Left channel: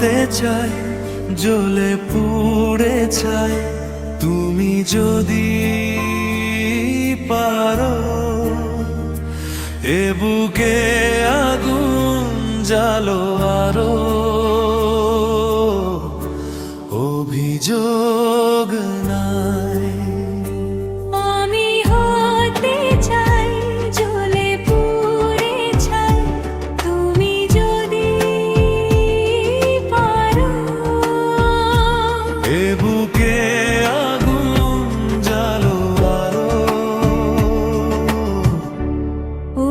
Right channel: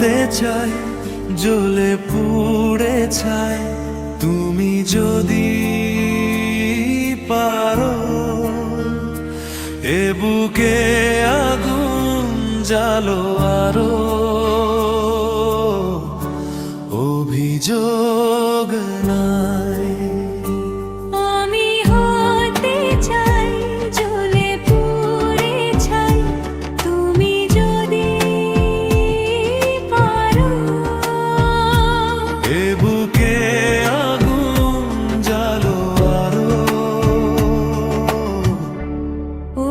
হতে চাই, জ্বলে পুড়ে চাই, তুমি যদি পারো। এ বুকে আগুন জ্বালো আরো, অভিযোগ নাই। আমি হতে চাই, জ্বলে পুড়ে চাই, তুমি যদি পারো। এ বুকে আগুন জ্বালো আরো,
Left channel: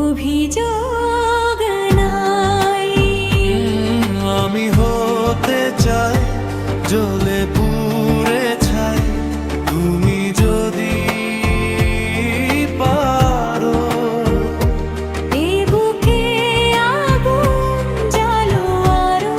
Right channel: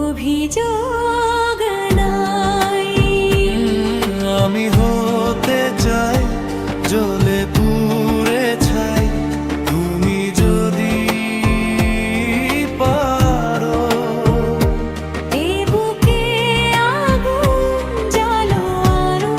অভিযোগ নাই। আমি হতে চাই, জ্বলে পুড়ে ছাই, তুমি যদি পারো। এ বুকে আগুন জ্বালো আরো,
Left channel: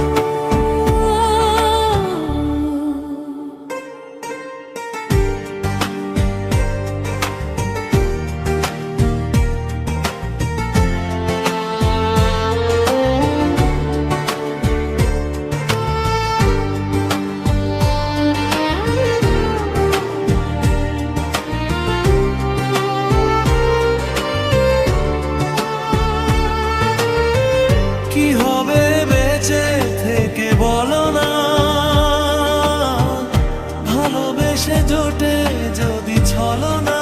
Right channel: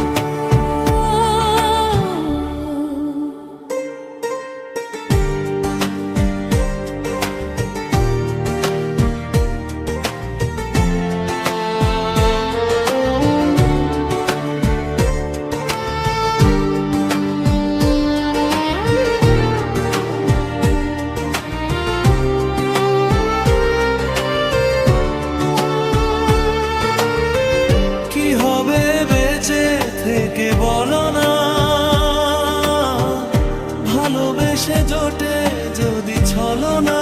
কি হবে বেঁচে থেকে বলো না, ভালোবেসে জোটে যদি ছলনা।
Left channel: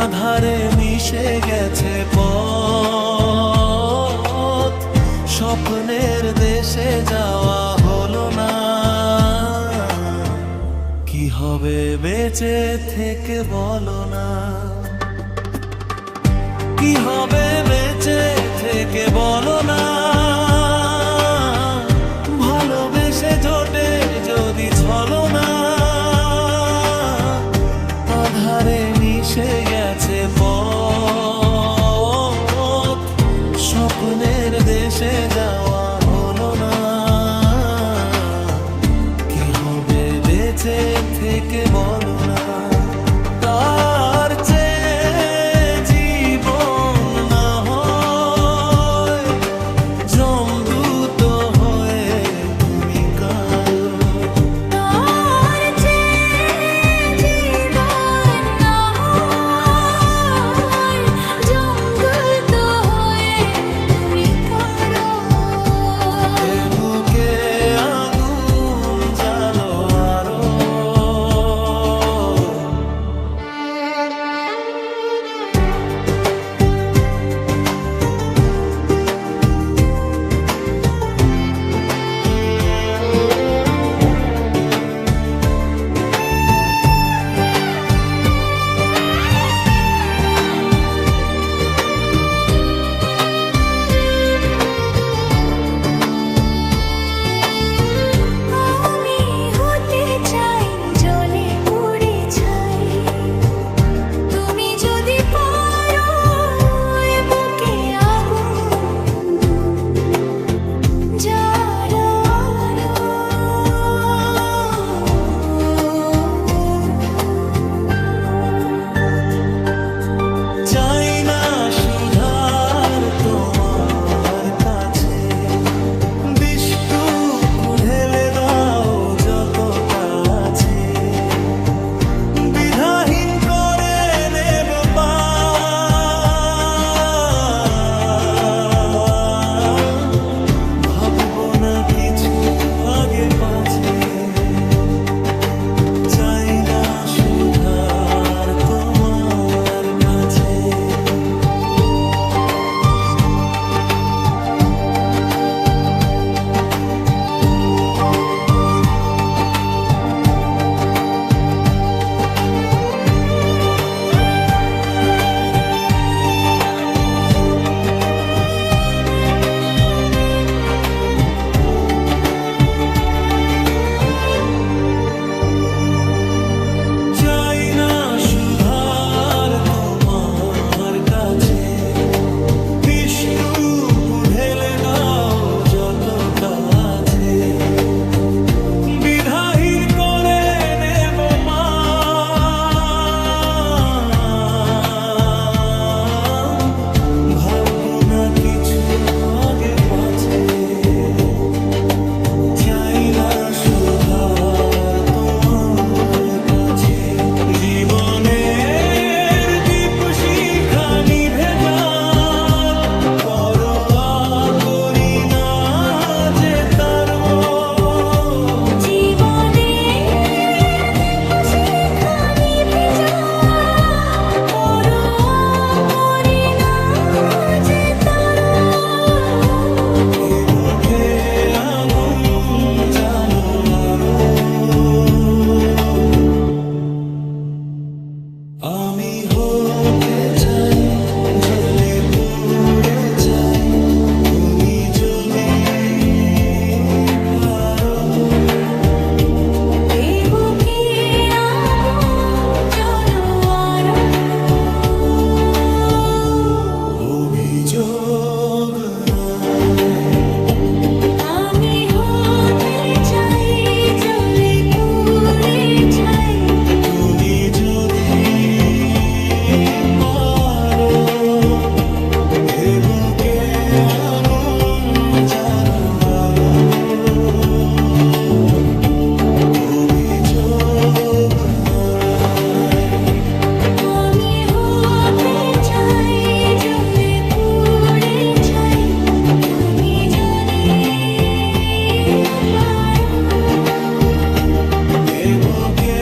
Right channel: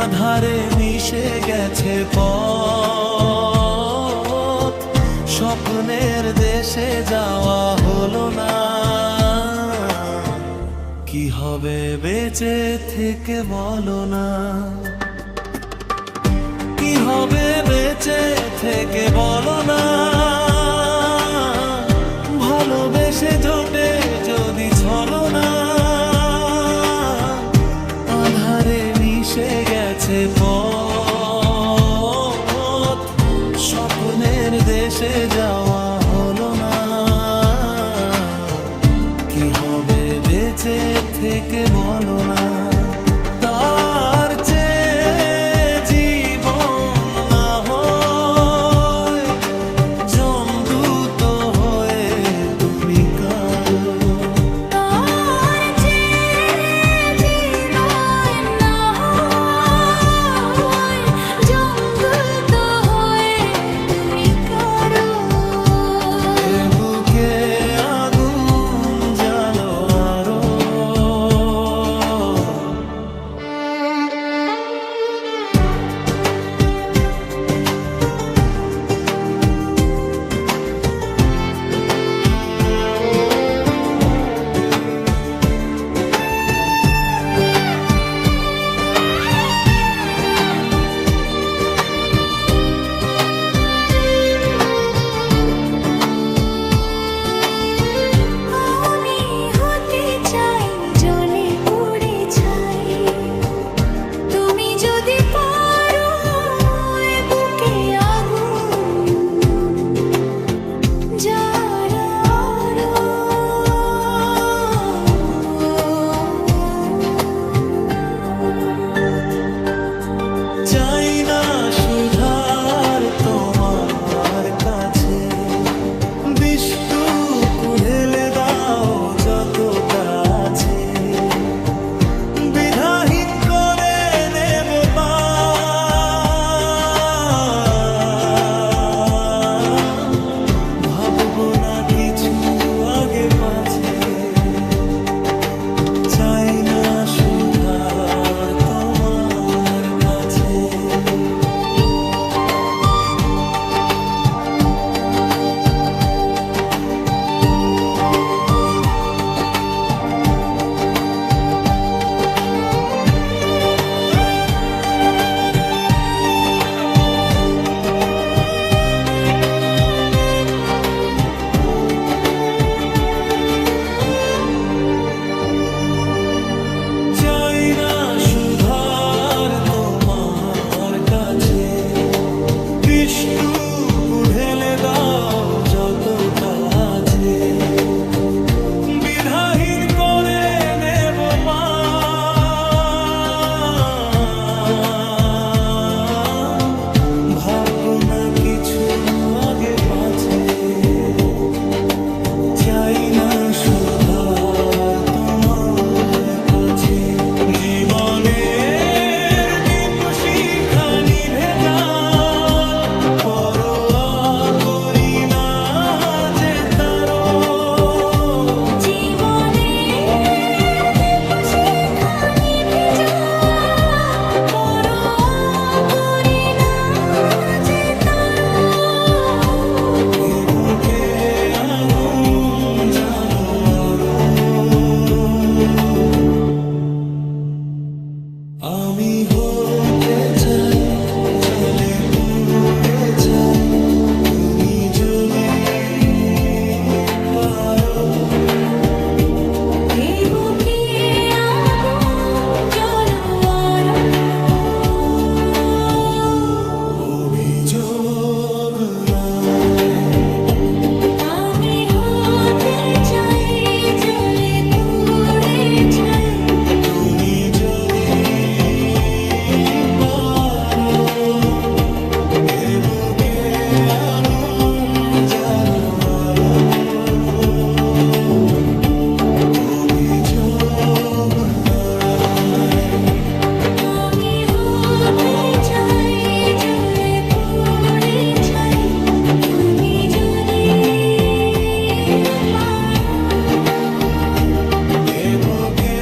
আধারে মিশে গেছে পথ, স্বপ্নের দেশে যাওয়া হলো না। কি হবে বেঁচে থেকে বলো না, কি হবে বেঁচে থেকে বলো না। ভালোবেসে জোটে যদি ছলনা। আধারে মিশে গেছে পথ, স্বপ্নের দেশে যাওয়া হলো না। কি হবে বেঁচে থেকে বলো না, তার চেয়ে জীবন না হয় জমদূত হয়ে তুমি কারো। তার চেয়ে জীবন না হয় জমদূত হয়ে তুমি কারো। এ বুকে আগুন জ্বালো আরো, আমি হতে চাই, জ্বলে পুড়ে ছাই, তুমি যদি পারো। এ বুকে আগুন জ্বালো আরো, চাই না সুধার তোমার কাছে। বিষ্টুকু ঢেলে দাও যতটা আছে, বিধাহীন করে নেব পার। ভাববো না কিছু আগে পাছে, চাই না সুধার তোমার কাছে। চাই না সুধার তোমার কাছে, বিষ্টুকু ঢেলে দাও যতটা আছে, বিধাহীন করে নেব পান। ভাববো না কিছু আগে পাছে। চাই না সুধার তোমার কাছে, জীবনের দীপ শিখা নিভে যায়, পরোয়া করি না যে তারো। জীবনের দীপশিখা নিভে যায়, পরোয়া করি না যে তারো। এ বুকে আগুন জ্বালো আরো, আমি হতে চাই জলে পুড়ে ছাই, তুমি যদি পারো। এই বুকে আগুন জ্বলো আরো, অভিযোগ নাই, আমি হতে চাই জ্বলে পুড়ে ছাই, তুমি যদি পারো। এ বুকে আগুন জ্বালো আরো, অভিযোগ নাই। আমি হতে চাই জ্বলে পুড়ে ছাই, তুমি যদি পারো। এ বুকে